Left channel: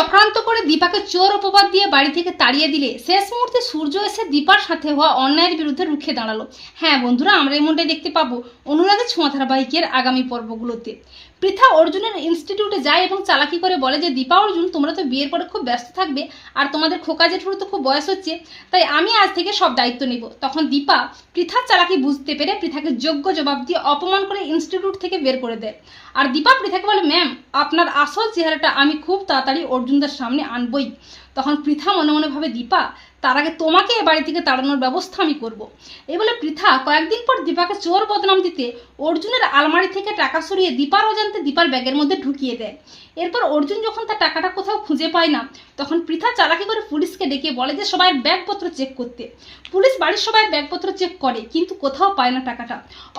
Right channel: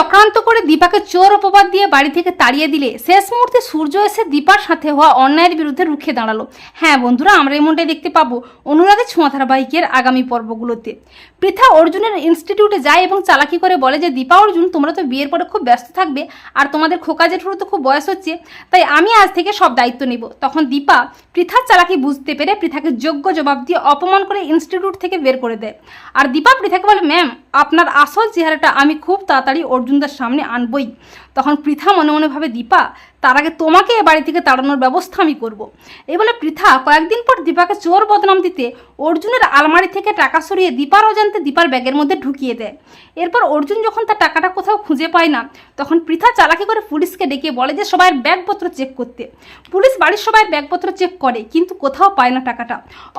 চক্রান্ত করে দীপাকে চোর অপবাদ দিয়ে বাড়ি থেকে তাড়িয়ে দিলে। শেষ মুহূর্তে সূর্য এসে দীপার সাথে হওয়া অন্যায়ের বিরুদ্ধে রুখে দাঁড়াল। হ্যাঁ বন্ধুরা, আমরা এমনটাই দেখতে পাবো অনুরাগের ছোঁয়া ধারাবাহিকের আগামী পর্বগুলোতে। পৃথা অর্জুনের ইনস্টিটিউটে যায় এবং চালাকি করে বলে যে, দীপা অর্জুন, তোমরা তো বিয়ের পরে খুব ব্যস্ত থাকবে আর তোমাদের খোকা জেঠুরও তো খুব বয়স হচ্ছে, তাই আমি আজ থেকে সব দায়িত্ব নিব। তখন দীপা পৃথার চালাকি বুঝতে পেরে পৃথাকে যোগ্য জবাব দিয়ে অপমান করে ইনস্টিটিউট থেকে বের করে দেয়। আর দীপা পৃথাকে বলে, ম্যাম, আপনার আসল চেহারাটা আমি খুব তাড়াতাড়ি অর্জুনদার সামনে আনবই। তখন পৃথা মনে মনে ভাবে, দীপা, তার আগে তোমাকে এ বাড়ি থেকে তাড়ানোর ব্যবস্থা আমি করব। এই বলে পৃথা কয়েকদিন পর দীপাকে চোর বদনাম দিতে অর্জুনের আলমারি থেকে টাকা সরিয়ে দীপার অজান্তে দীপার ব্যাগের মধ্যে ঢুকিয়ে দেয়। এরপর অর্জুন যখন তার টাকাটা কোথাও খুঁজে পায় না, তখন পৃথা চালাকি করে পুলিশকে ডেকে বলে যে, সবাই ব্যাগপত্র চেক করতে। পুলিশ বাড়ির সবাই ব্যাগপত্র চেক করে, কিন্তু কোথাও পায় না টাকাটা।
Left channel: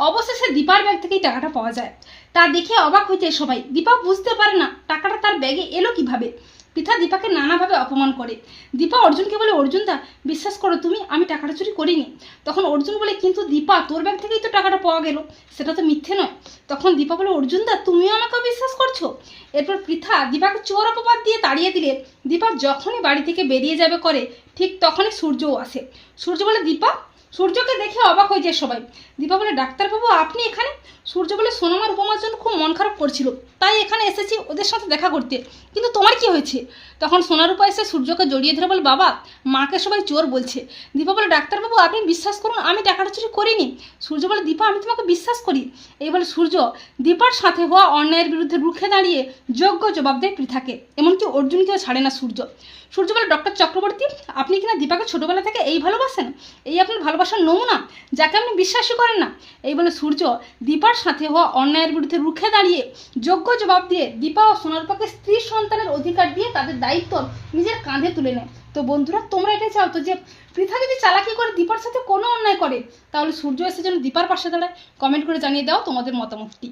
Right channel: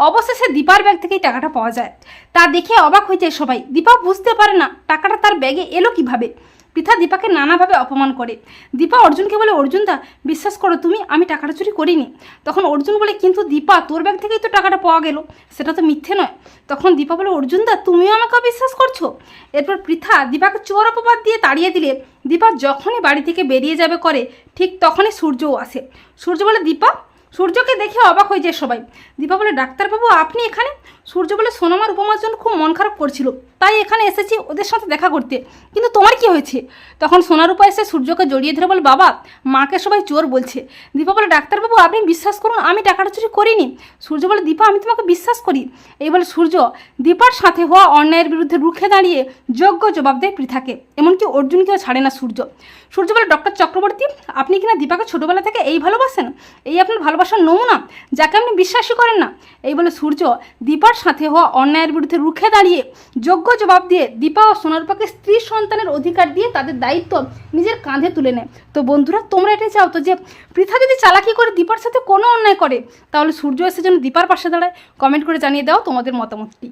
অবশেষে দীপার ব্যাগ থেকেই টাকাটা পাওয়া যায়। তা দেখে অবাক হয়ে যায় সবাই। দীপা বুঝতে পারে না, টাকাটা তার ব্যাগে এলো কীভাবে? পৃথা দীপাকে নানাভাবে অপমান করে। দীপা অর্জুনকে বলে, অর্জুন দা, বিশ্বাস করো তুমি, আমি টাকাটা চুরি করিনি। তখন অর্জুন বলে, কিন্তু দীপা, তোর ব্যাগ থেকেই তো টাকাটা পাওয়া গেল। সেটা তো মিথ্যে নয়। তখন দীপা বলে, অর্জুন দা তুমিও আমাকে বিশ্বাস করছ? এরপর পৃথা দীপাকে চোর অপবাদ দিয়ে তাড়িয়ে দিলে। দীপা যখনই বাড়ি থেকে বেরিয়ে যাবে করে, ঠিক তখনই সূর্যও আসে। সূর্য বলে, দীপা সূর্যকে দেখে অবাক হয়ে যায় সবাই। দীপা বলে, ডাক্তারবাবু, আপনি এখানে? সূর্য বলে, সোনামার উপমার জন্য খুব মন খারাপ করছিল। তাই এখানে এসেছি ওদের সাথে দেখা করতে। কিন্তু তোমার কি হয়েছে? তখন সোনারূপা এসে সূর্যকে জড়িয়ে ধরে বলে, বাবা, মাকে সবাই চোর বলছে। দীপা বলে, ডাক্তারবাবু, আপনি বিশ্বাস করুন, আমি টাকাটা চুরি করিনি। সূর্য বলে, দীপা, আমি তোমাকে বিশ্বাস করি। এই বলে সূর্য দীপার সাথে হওয়া অন্যায়ের বিরুদ্ধে রুখে দাঁড়িয়ে যোগ্য জবাব দেয় পৃথাকে। এমনকি অর্জুনকেও ছাড়ে না সূর্য। সূর্য বলে, ডক্টর চক্রবর্তী, আপনি কিনা দীপাকে ছোটোবেলা থেকে এই ভালোবাসেন? এই আপনার ভালোবাসার নমুনা? যাকে আপনি বিশ্বাসই করেন না। এই বলে সূর্য দীপার সাথে হওয়া অন্যায়ের বিরুদ্ধে রুখে দাঁড়িয়ে যোগ্য জবাব দিয়ে দীপা ও সোনারপাকে স্ত্রী সন্তানের অধিকার দিয়ে তাদের দায়িত্ব নিজের কাঁধে তুলে নেয়। তো বন্ধুরা, তোমরা এটাই চাও তো যে পৃথা যদি চালাকি করে দীপার সাথে কোনো অন্যায় করে, তাহলে সূর্য এসে যেন দীপার পাশে দাঁড়ায়। কমেন্ট করে জানিয়ে দাও তোমাদের মতামতটি।